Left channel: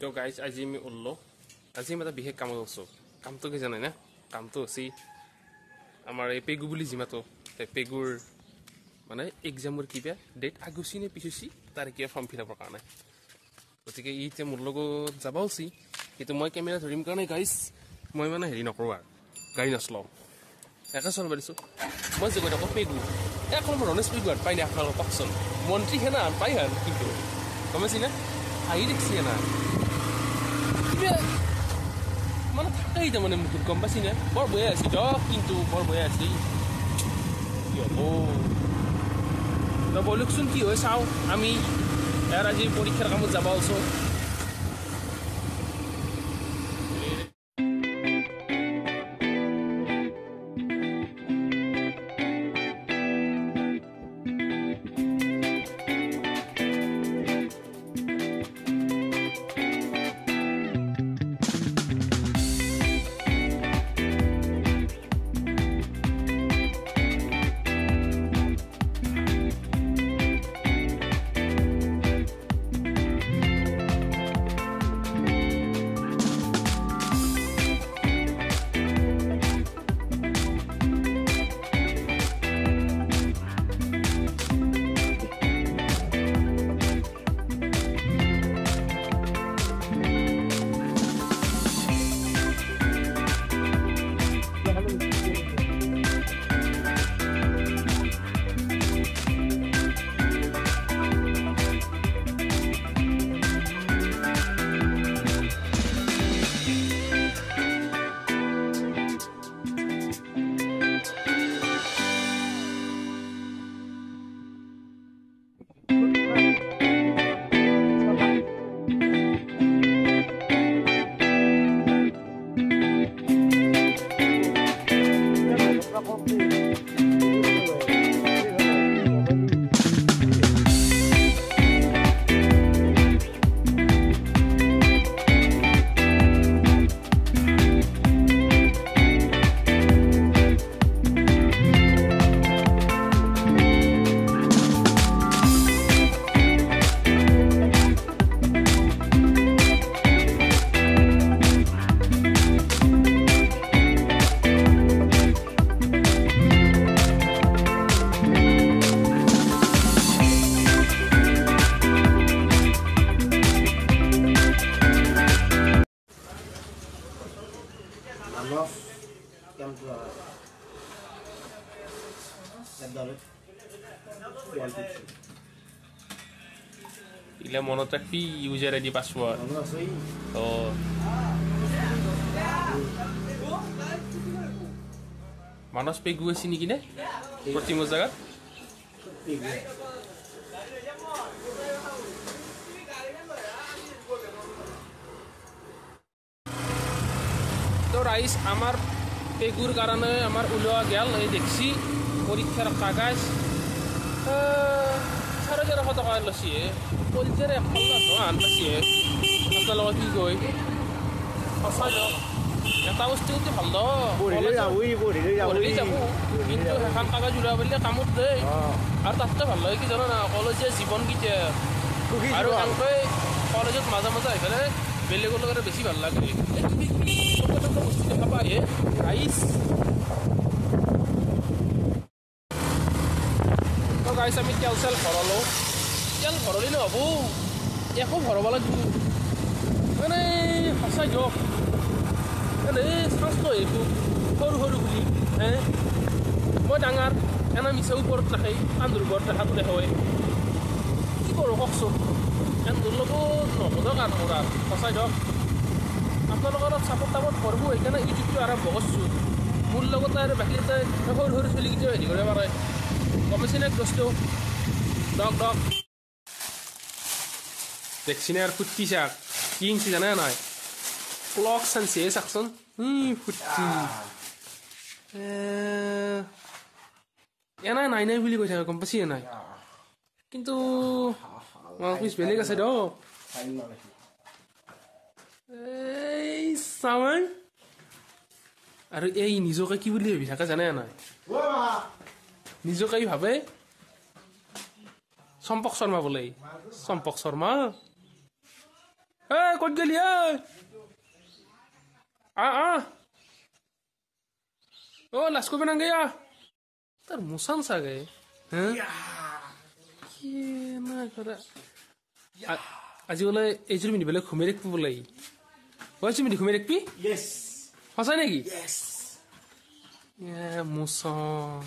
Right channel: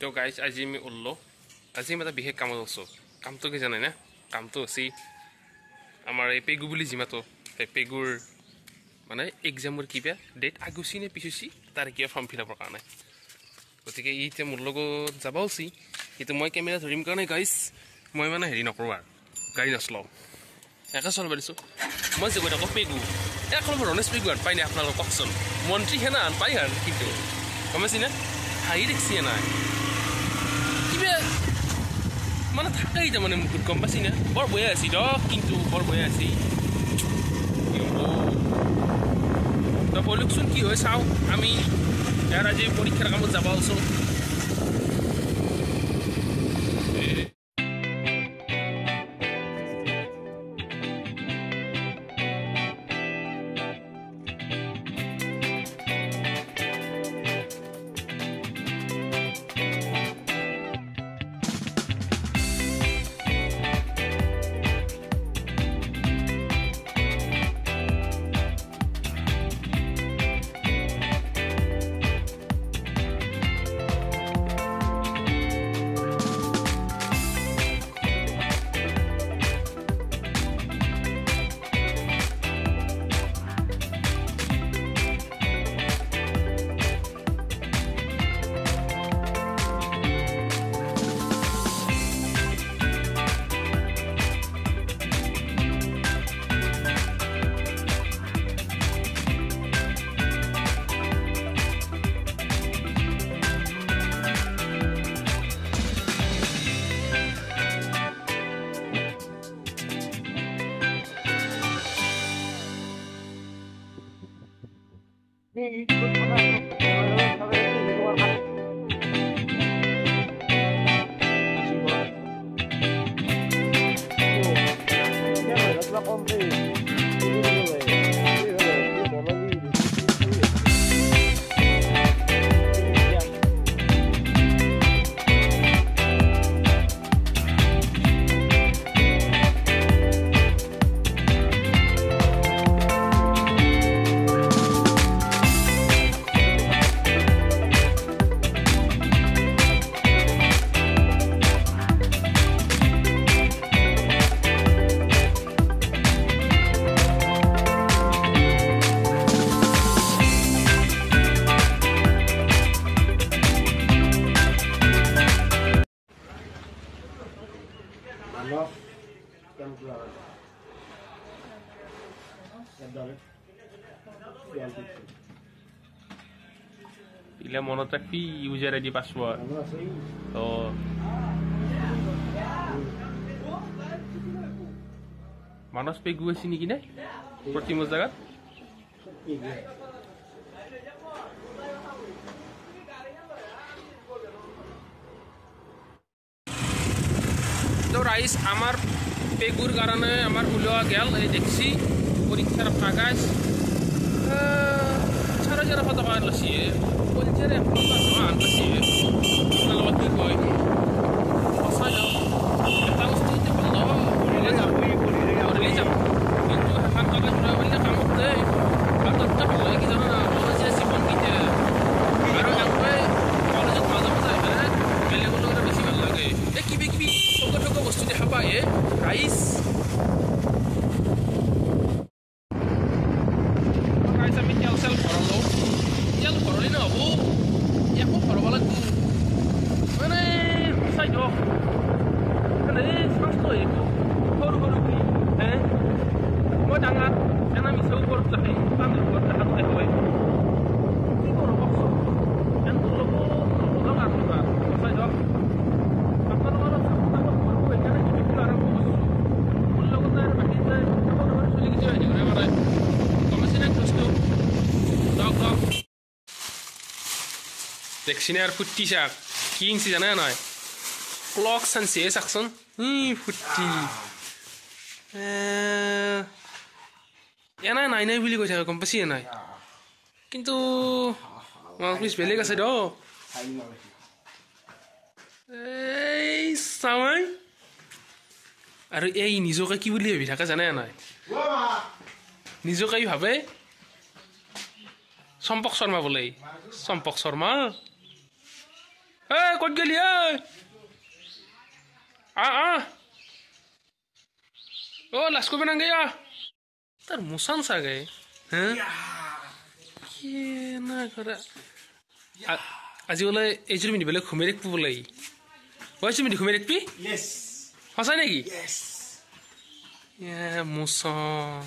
তো গাইজ আজি আমি ওল্লো আজি আমি এটা বিশেষ কামত আছোঁ কামটো কি জানে না কামটো আছে আমাৰ এই পেগু বুলি যিমাতো সেই পেগুৰ মানে এক্সামৰ কিবা ডেট আগুচি নে পিছুচি তাৰ কিবা ফৰ্ম ফিল আপৰ কাৰণে গতিকে ই এতিয়া মোৰ লগত যাব আছে কিন্তু মই কেমেৰা ধৰিম কাৰণে গাইজ মই মানে হেৰি নকৰোঁ আৰু গাড়ী নচলাওঁ একে চলাব দিছোঁ মই যে কৈ থাকোঁ পেগু এখন ৰনেশ পেগু পাই নাই আপোনালোকক কওকচোন মন্ত্ৰী সেনা পাই আৰু কিন্তু গম পাইছি না হাঁহি দেখছি নাই কিবা মানে থাকেই তাৰমানে মুখত গম পাইছি না বৰ বয়া আছিল কিন্তু বৰ বয়া আছিল তো বলকচোন কি হয় চাওঁ আমি ইয়াৰ আজি পৰীক্ষাৰ কামত যাব আছোঁ Ile mনত ৰাখি ইউজাৰ আইডি পাছৱৰ্ড তো মানস পেগু আছে নেকি নে প্ৰতিমো জাগাত তো রাইস আমার পেগুর কারণে আমার উলোয়া গেল এই দেখছি পরীক্ষার কাগজ 4,500 টাকা লৈছে পলিচেৰে আন পাইছে আপোনাৰ লগত কি কয় সঁচাই এটা বস্তু যদি ভাল পঢ়িলে যাব কিন্তু সেইখন কাগজ উৰাবলে কামত দেই আৰু তাতকৈ ভাল লাগে কি জানো না কলেজীয়া জীৱন কেতিয়া আৰু এনেকৈ কলেজত মাজে মাজে আহি পেলাই বেলেগৰ লগত বেছি ভাল লাগে এই কিবি কিবি ঠগ বস্তু দেখা পায় ৰাইচ গাইছ আমি তেল চেল ভৰালোঁ তেল ভৰালি নহ'ব একো ভৰাব লাগিব মানে সঁচাই দিয়ক মানে চাঞ্চ লৈ আহিব সৰু সৰু বুলি মই ডাঙৰ এনে মিছা ওপৰত ৰাখে কান্দুৰ ওপৰত ৰাখাটোতে হয় কি কৰোঁ কওকচোন কান্দুৰ লগত নহ'ব আৰু মোৰ আৰু সঁচাই দিয়ক আপোনালোকৰ চাপত তাপত ভৰিব সেইকাৰণে ইউটিউবটো আৰম্ভ কৰিছোঁ মোৰ লগতে আৰু বাকী যায় সৰু সৰু চলিকেইটাও হেৰি কৰিব পাৰে গমেছি নে বস্তু ডক ডক দেখছি নে আৰু ফুটি চাক কি ইঞ্চি জানে নাই ক্লক চানছে চাকচোন ফুটি এনাই নাই নাই বুলি কৈ থাকে গম পাইছি নাই কিন্তু পিছ বেলেগ আছে দিয়ক এই চাওঁই আৰু এই নিজকে কি বুলি ভাবি থাকে জানে নাই নিজকে ভাবে চম্পক শৰ্মা বোলে চম্পক শৰ্মা ক'ত গেলি লাজ কৰিব নাগে তাৰ মোচান চাগে আজি বোলে এইযোৰ পিন্ধি পেলাই ঘুমাই ৰাখিব বোলে কৈছো পিন্ধি ঘুমাই ৰাখবি সঁচাই নেকি মোচন